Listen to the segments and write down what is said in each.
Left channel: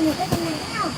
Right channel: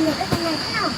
lên được cái con này thế nào?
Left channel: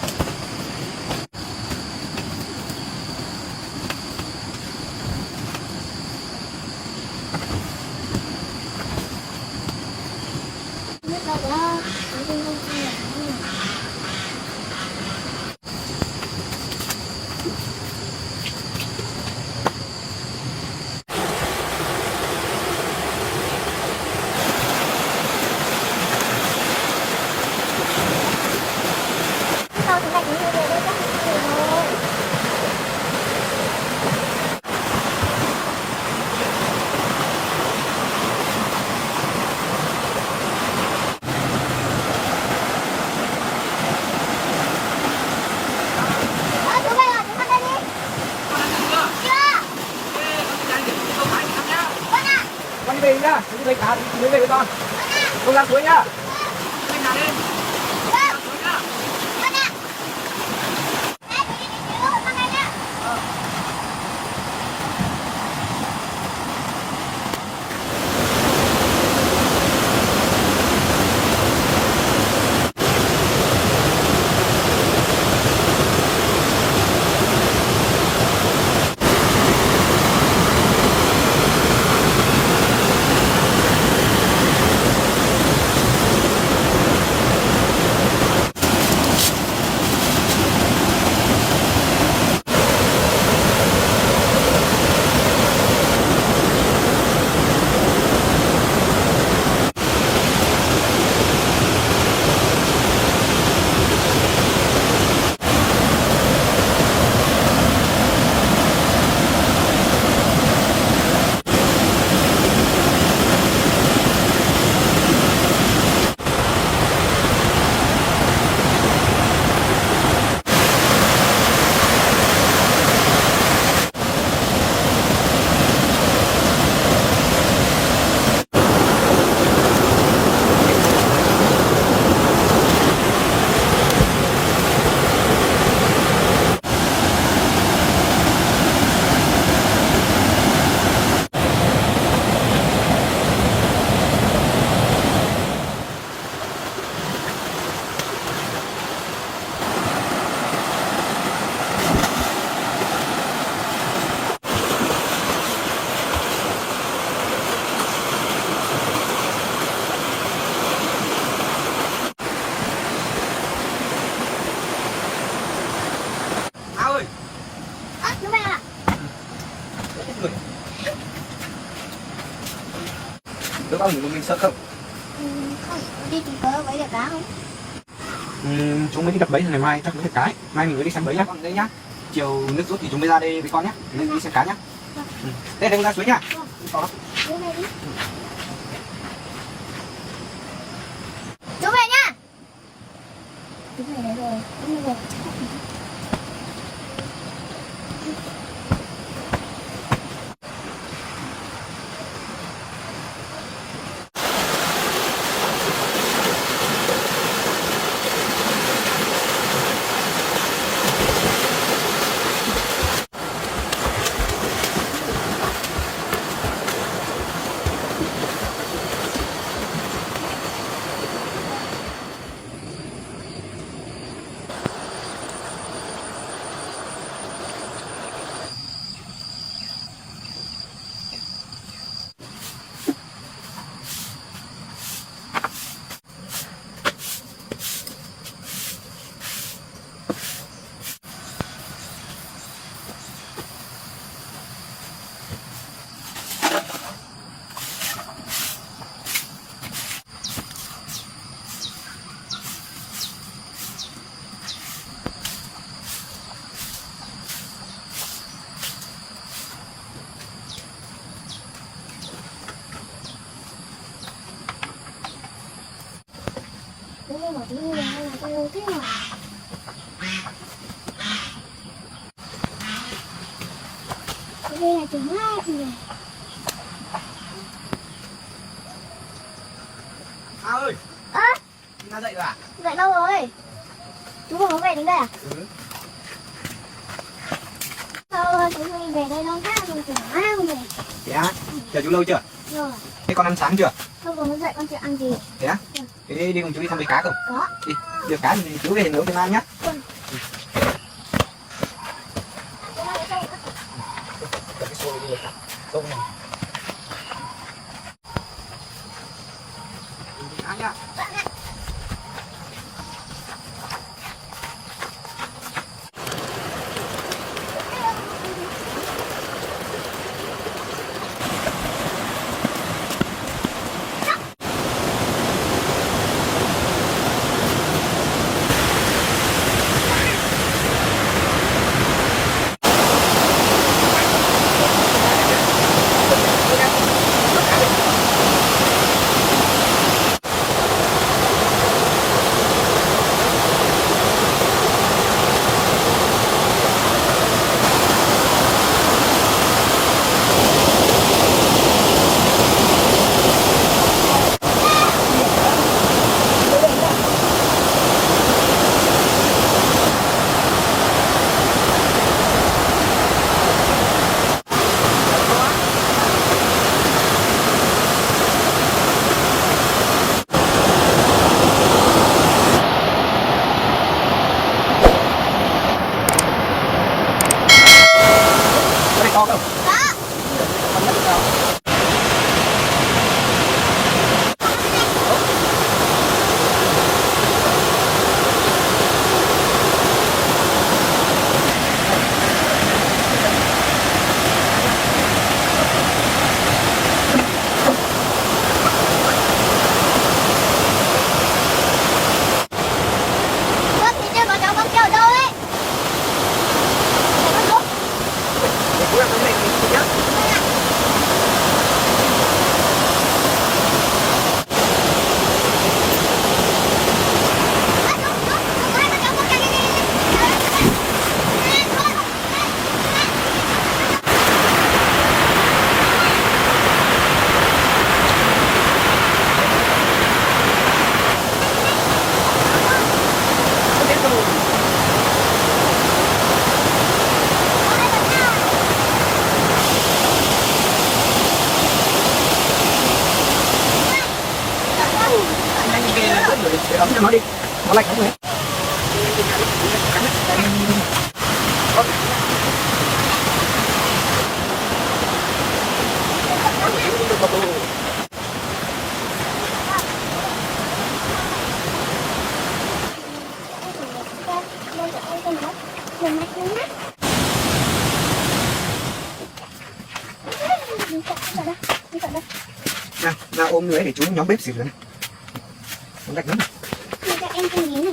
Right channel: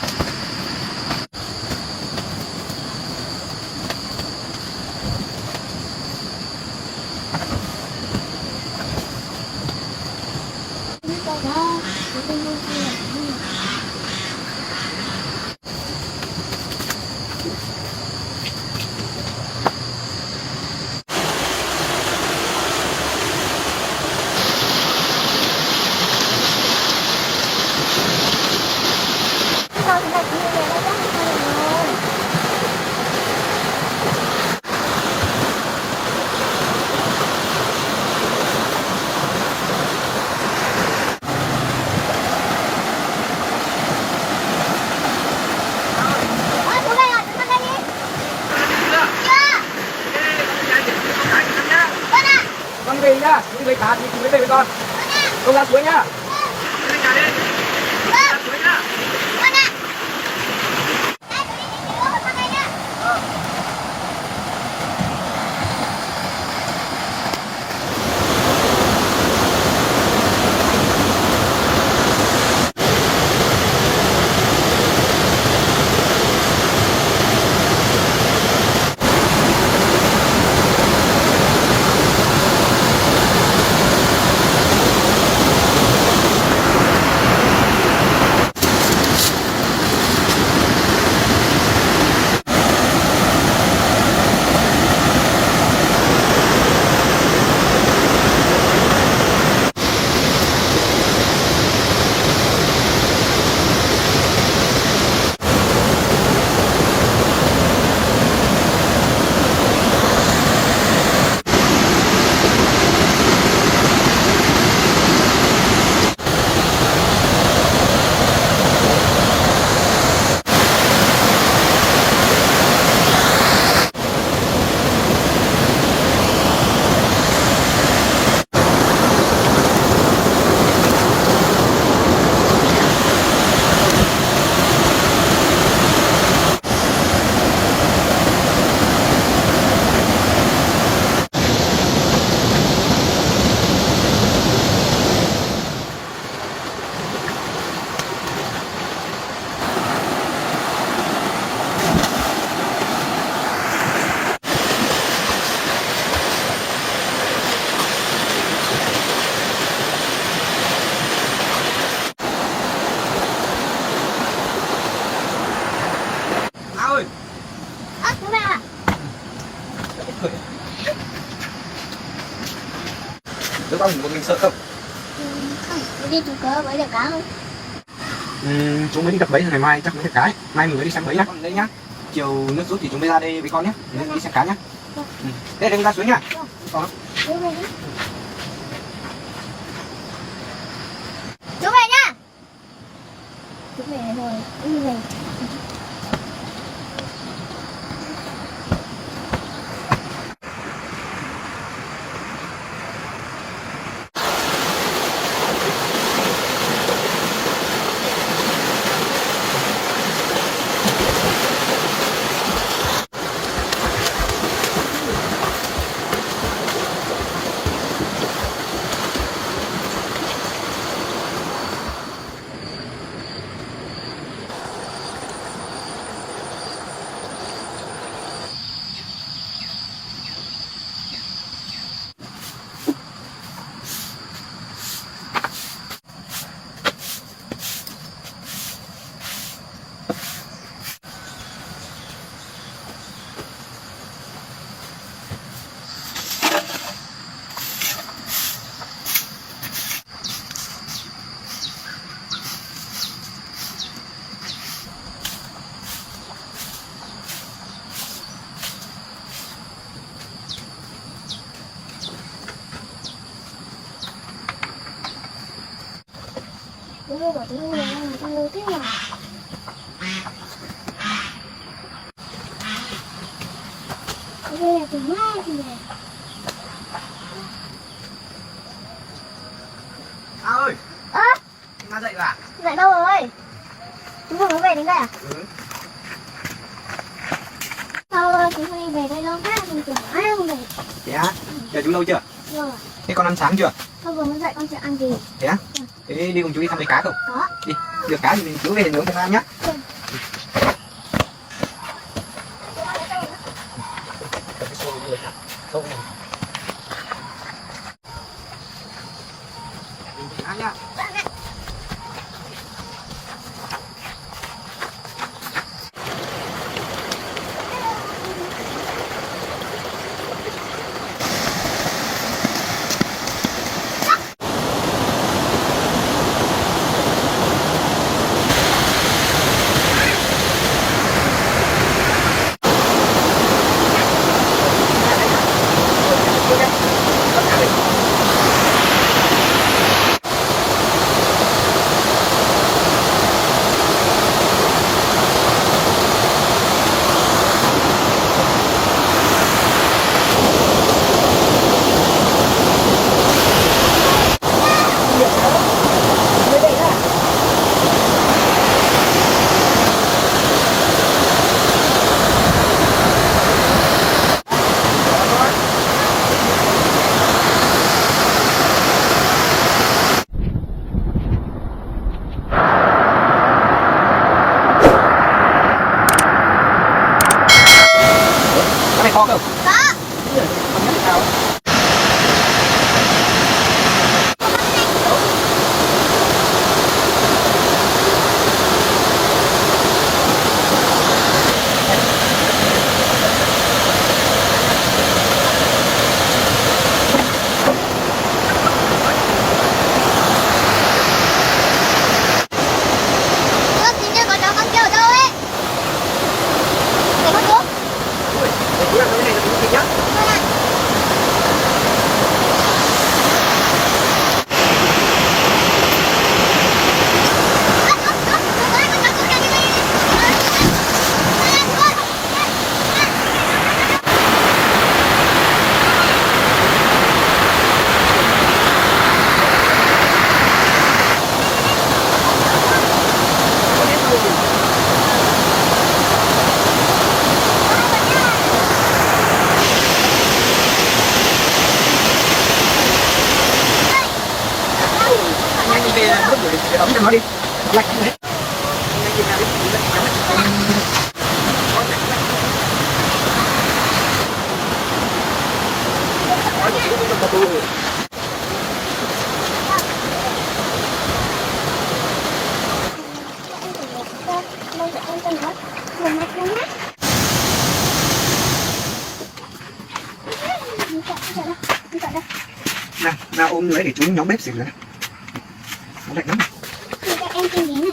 Con về nhá, người ta thì mới về với con. Không ra suối nhá. Ơi. Chú mẹ ạ. Đứa con của mình sợ không? Không, đi chung cớ với được cá không? Chúng mới đi đập bẫy ngày mai chắc mới được cái. Mai mình mới đi xem bẫy nhá. Con đấy nhá. Chiều nước rút thì chúng mới ra đây với con nhé. Nên đi xem cá nhá. Thế đừng ra suối nhá. Chú về nhá. Chú về rồi, em về. Chú bảo chú không làm là con đâu thích mà. Đây là chú mát nè. Ơi. Ra dậy bà. Dậy đâu rồi? Chú vừa mới về đến đây à? Sao chú đi về đây lâu thế rồi, chú mãi không về. Thế á? Chờ chú lâu chưa? Rồi. Thế con ăn sáng chưa? Thôi vừa mới dậy con chưa ăn gì. Thế á? Thế đi cùng chú đi thăm mấy cá không? Có. Đi, được cá thì chú về nướng cho ăn nhá. Ăn nhá. Cái này to không? Con thì chơi con chó con kia ở đâu ấy? Để con xuống. Để chú ăn cái này thì nhá. Đi về để đóng cho nó đi. Nó lạnh không hết. Nào, nào ôm người đấy để chú nhóm bếp xỉu ra. Nó lạnh lắm. Em tên gì này?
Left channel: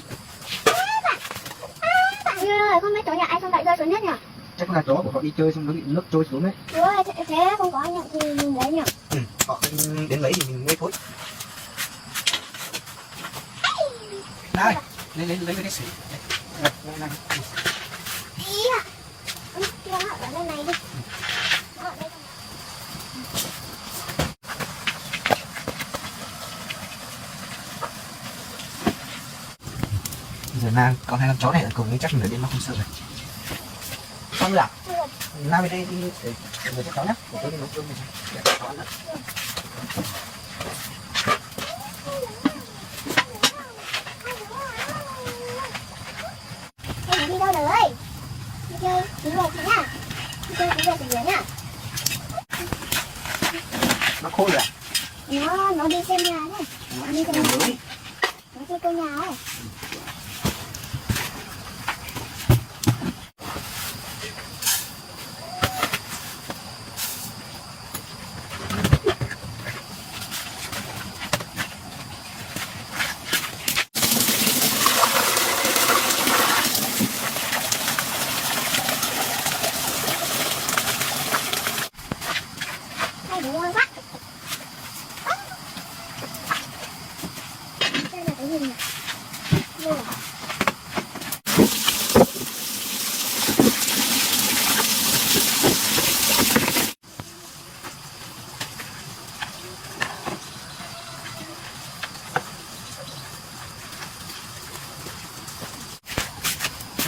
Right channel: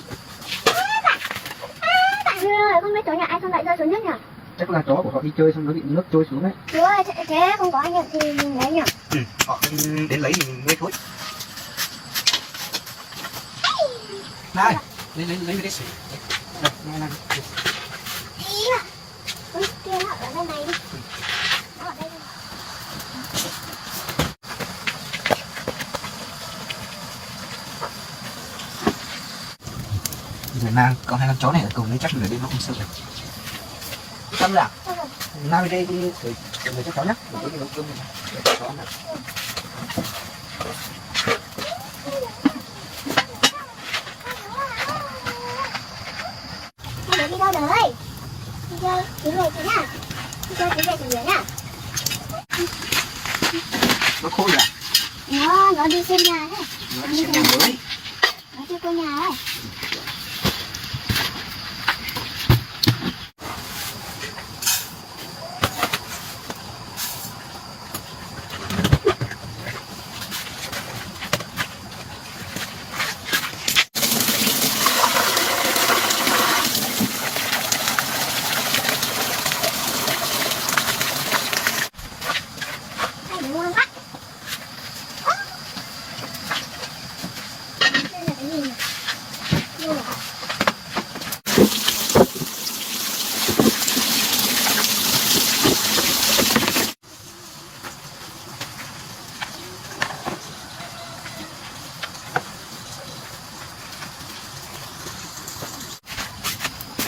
Bạn ơi, không biết tối nhà ai xong lại rơi xuống nước nhỉ? Chắc là chó của họ đi chơi xong nó bị nước trôi xuống đấy. Chú ơi, thế không có nhận thì mình lấy nhỉ? Họ đến lấy thì mới thôi. Này, lấy cái xỉu. Đây, này. Ý à? Kia họ ở đây này đi. Họ ở đây. Giờ nào con hai con chó này ở cùng đấy chắc nửa đêm nó không sợ rồi. Xong rồi à? Nào về đây đi để người cho cháu nhé. Để tôi đi nấu cơm này. Hai đứa đi đâu rồi? Đi chơi, đi về chị nhá. Đi chơi, đi về chị nhá. Nó khô rồi à? Nó đi xem nhà đấy. Nó đi xem nhà mới. Nó chưa có nhà đấy. Hai đứa ngoan quá. Đây là cái gì nhỉ? Đây là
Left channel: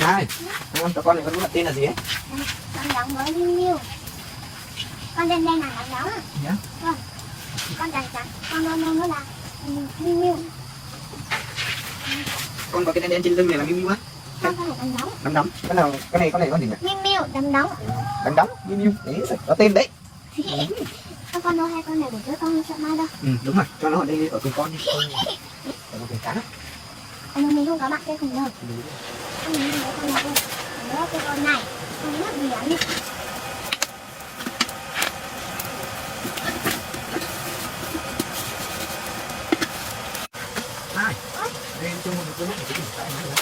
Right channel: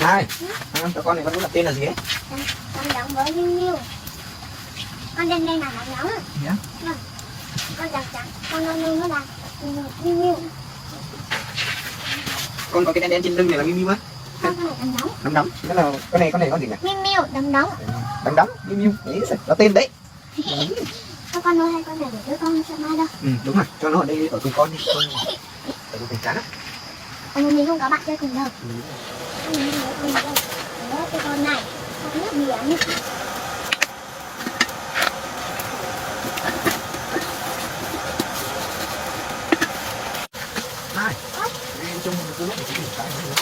Này, con cho con này con muốn đặt tên là gì ấy? con giống với Miu Miu. Con lên đây mà nó giống. Nhá. Vâng. con dài trắng, con nó là miu miu. Con có cái đen đen trên lưng này là miu miu á. Con này đấm đấm. Đấm đấm. Cái là con này con gì nhỉ? Miu miu đấm đấm. Đấm đấm miu miu. Đấy, nó tên đấy. Con ơi hai con này để đứa con cho mai đâu. Đúng rồi, cho nó ở đây ở cùng con đi. Ở con cá đó. Mình không có bạn chơi cùng đâu. Con này con này. Đấy, cái con này con nước biển. Này, chung tôi mất chỉ cái nữa.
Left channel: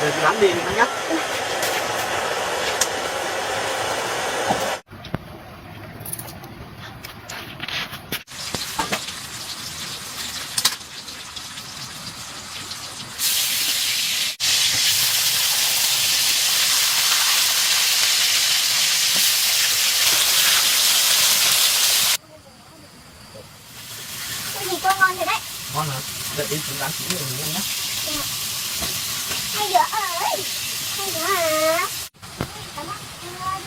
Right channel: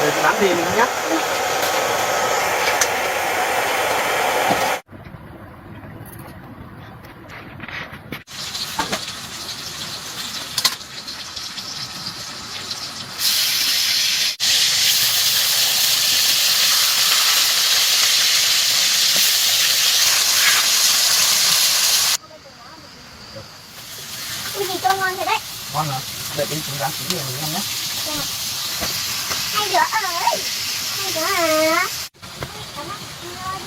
Rồi tôi nắm đi nó nhấp. Cái gì to ngon rồi đấy. Ngon hả? Đợi đến chúng rán chín rồi nhanh nhé. Hai đứa ơi. Hai đứa hả? Cảm ơn.